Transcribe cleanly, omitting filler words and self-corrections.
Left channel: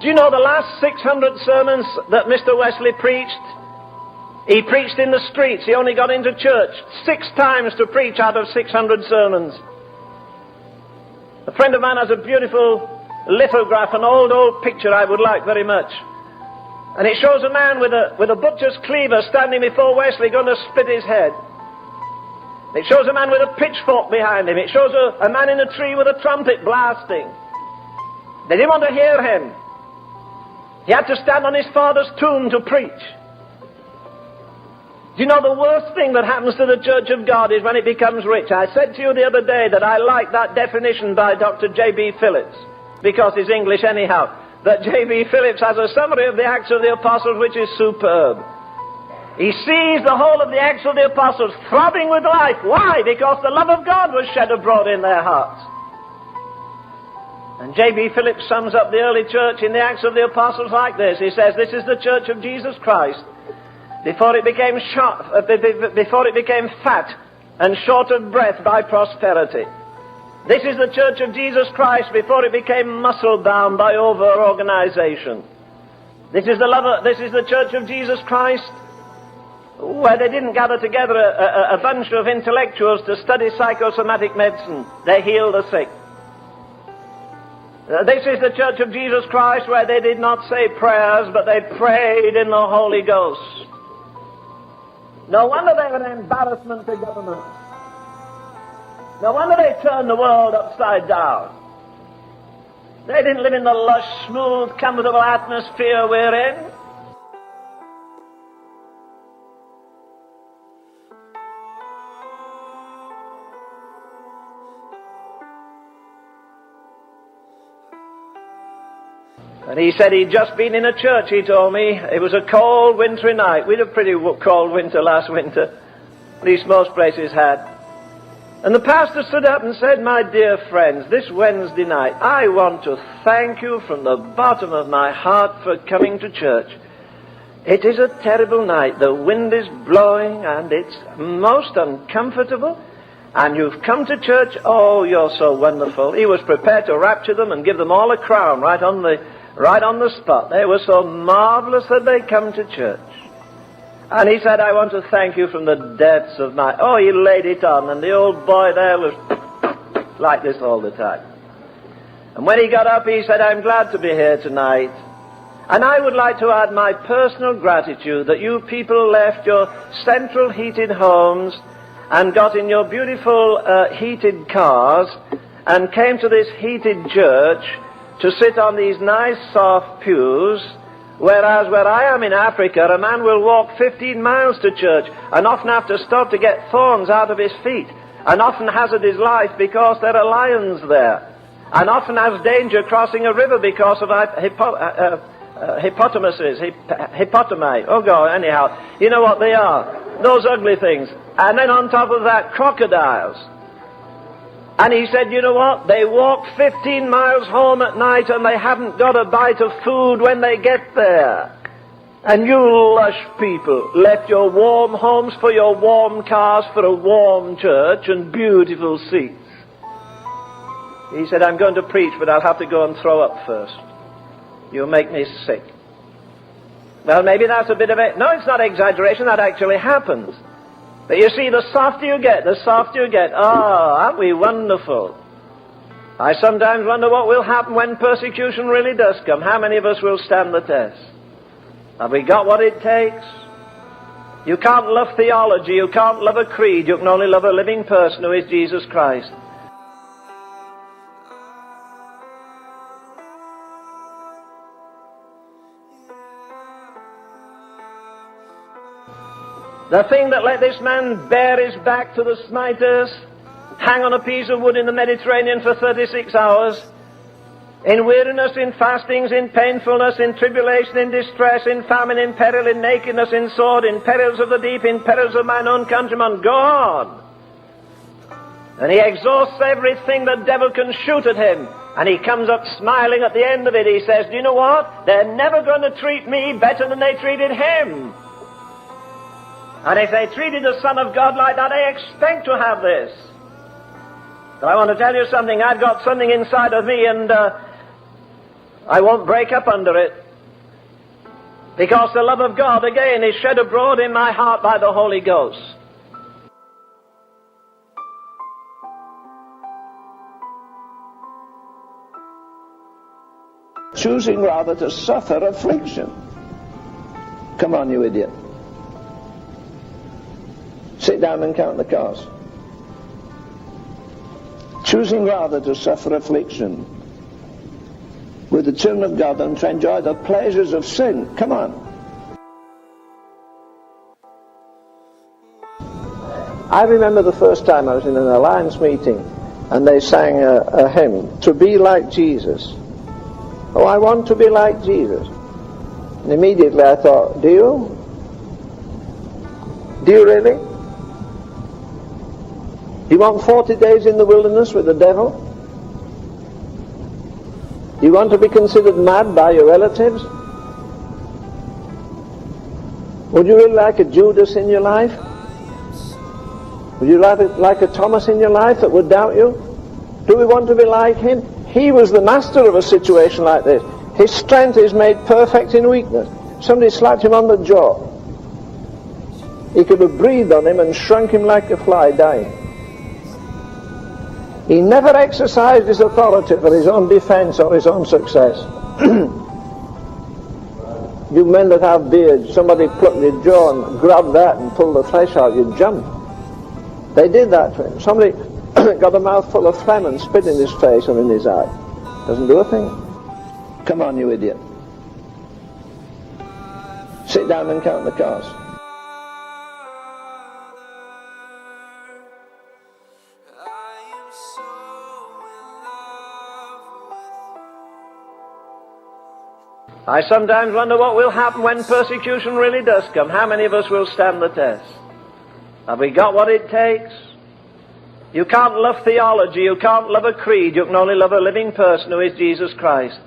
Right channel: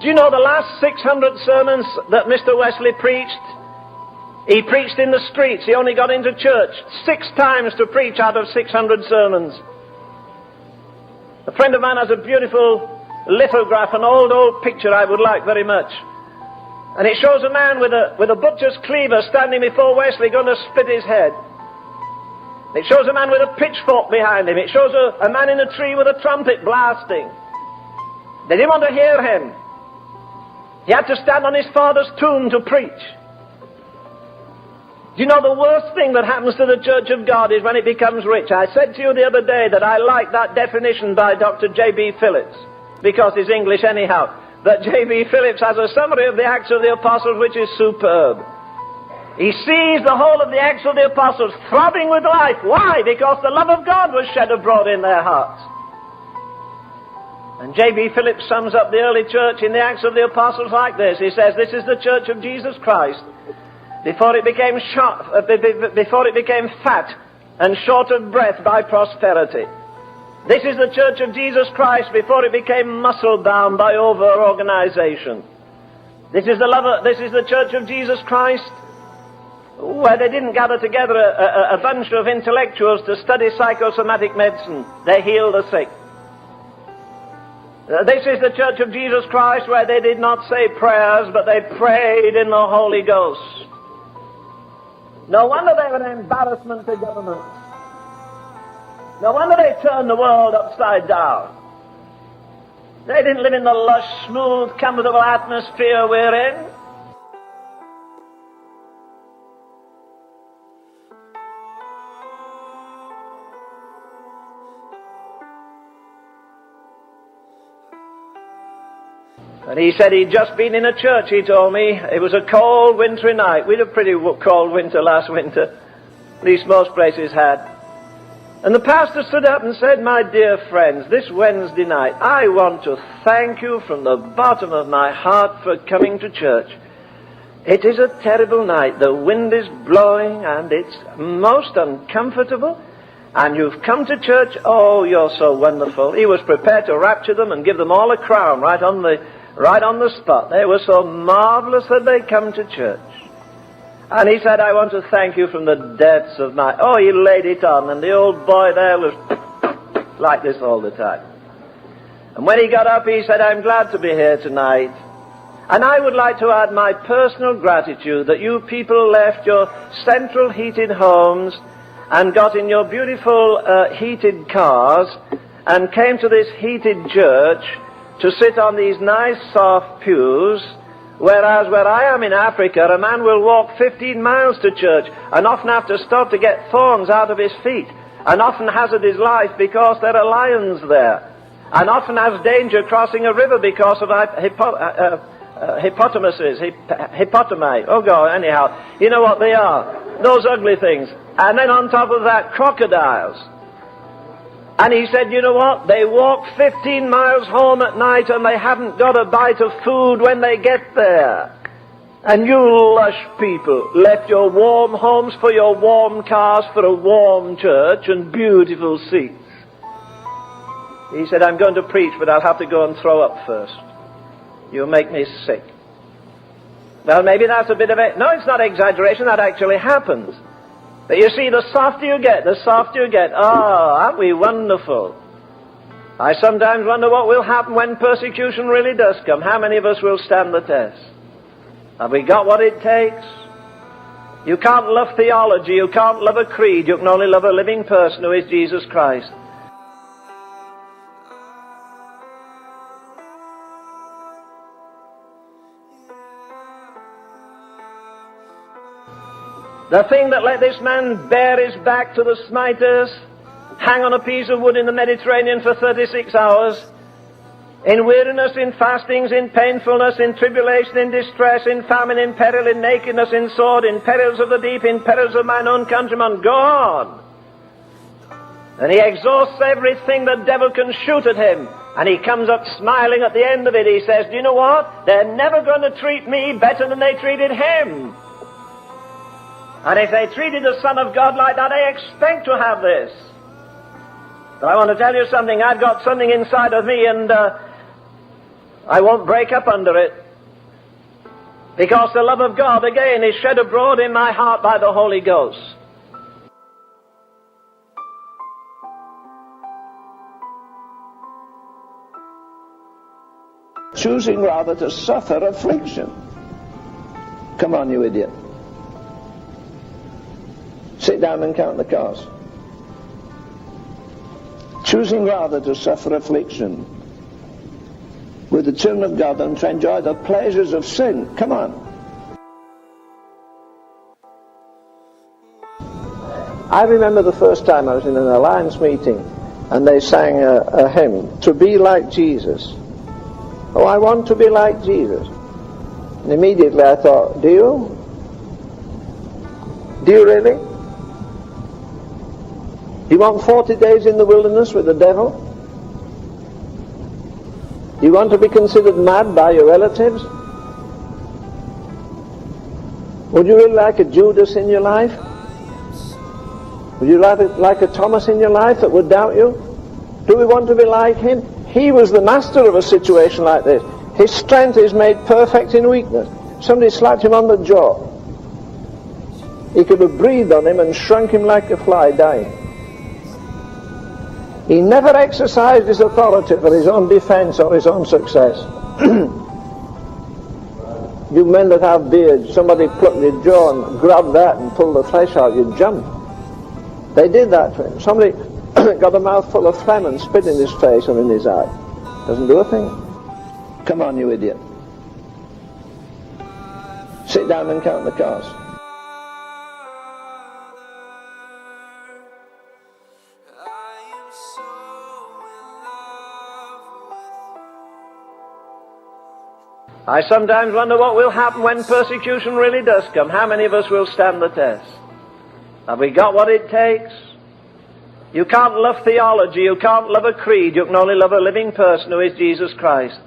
Do you know the last 600 sermons that Mr. Wesley preached? He preached in the streets. He only got into church 6 times to preach out of 600 sermons. A friend of mine has a beautiful lithograph, an old picture I would like very much. And it shows a man with a butcher's cleaver standing before Wesley going to split his head. It shows a man with a pitchfork behind him. It shows a man in a tree with a trumpet blasting. They didn't want to hear him. He had to stand on his father's tomb to preach. Do you know the worst thing that happens to the Church of God is when it becomes rich? I said to you the other day that I like that definition by Dr. J.B. Phillips, because he's English anyhow, that J.B. Phillips has a summary of the Acts of the Apostles which is superb. He sees the whole of the Acts of the Apostles throbbing with life. Why? Because the love of God was shed abroad in their hearts. And J.B. Phillips sums up the early church in the Acts of the Apostles like this. He says, this is the church of Jesus Christ before it became fat and short of breath by prosperity. This is the church of Jesus Christ before it became muscle-bound by over-organization. This is the church of Jesus Christ where they didn't gather together a bunch of intellectuals to study psychosomatic medicine. They healed the sick. This is the church of Jesus Christ where they did not say prayers, but they prayed in the Holy Ghost. No wonder they were an embarrassment to government. No wonder they turned the world upside down. They didn't live in the lush, smooth, comfortable atmosphere we're in. And he said he'd just been in a church, he told me. It was a cold, wintry night. We had a pretty cold winter last winter. At least most places had. And the pastor stood up and said, my dear friends, this Wednesday night, I want to thank you from the bottom of my heart for coming to church. It is a terrible night. The wind is blowing and it's most uncomfortable. And you've come to church. Oh, you're so wonderful. He was prepared to rapture them and give them all a crown right on the spot. They were so marvelous that they come to church. And he said, I want to thank you from the depths of my... Oh, he laid it on, and the old boy there was like this all the time. And when he got up, he said, I'm glad to be here tonight. And I would like to add my personal gratitude that you people left your central heated homes and got in your beautiful heated cars and came to this heated church to sit on these nice soft pews, whereas where I am in Africa, a man will walk 15 miles to church and often have to stop to get thorns out of his feet, and often hazard his life because there are lions there, and often has danger crossing a river because of hippotami. Oh God, anyhow, you know what they are, those ugly things. And then on top of that, crocodiles. And he said, you know what? They walk 15 miles home at night and they haven't got a bite of food when they get there. And you lush people left your warm homes for your warm cars for a warm church and beautiful seats. He said, I'm going to preach, but I'll have to go and throw up first. You'll make me sick. Well, maybe that's a bit of it. No, it's not exaggeration. That actually happens. But you see, the softer you get, oh, aren't we wonderful? I sometimes wonder what will happen when persecution really does come. How many of us will stand the test? Have we got what it takes? You can't love theology, you can't love a creed, you can only love a living person who is Jesus Christ. The thing that let this man bear his back to the smiters, hang on a piece of wood in the Mediterranean for 36 hours, in weariness, in fastings, in painfulness, in tribulation, in distress, in famine, in peril, in nakedness, in sword, in perils of the deep, in perils of mine own countrymen, go on. And he exhausts everything the devil can shoot at him, and he comes up smiling at the end of it. He says, do you know what? They're never going to treat me better than they treated him. And if they treated the Son of God like that, I expect to have this. But I want to tell you something. I've got something inside of me, and I won't break up under it. Because the love of God, again, is shed abroad in my heart by the Holy Ghost. Choosing rather to suffer affliction. Come on, you idiot. Sit down and count the cost. Choosing rather to suffer affliction with the children of God than to enjoy the pleasures of sin. Come on. I remember the first time I was in an alliance meeting and they sang a hymn, "To be like Jesus." Oh, I want to be like Jesus. And immediately I thought, do you? Do you really? You want 40 days in the wilderness with the devil? You want to be considered mad by your relatives? Would you really like a Judas in your life? Would you like a Thomas in your life that would doubt you? Do we want to be like him? He was the master of a situation like this. His strength is made perfect in weakness. Somebody slapped him on the jaw. He could have breathed on him and shrunk him like a fly, dying. He never exercised his authority for his own defense or his own success. You men that have beards, somebody plucked your jaw and grabbed that and pulled the flesh out, you'd jump. They did that to him. Somebody got a mouthful of phlegm and spit in his face or in his eye. Doesn't do a thing. Come on, you idiot. Sit down and count the cost. I sometimes wonder what will happen when persecution really does come. How many of us will stand the test? Have we got what it takes? You can't love theology, you can't love a creed, you can only love a living person who is Jesus Christ.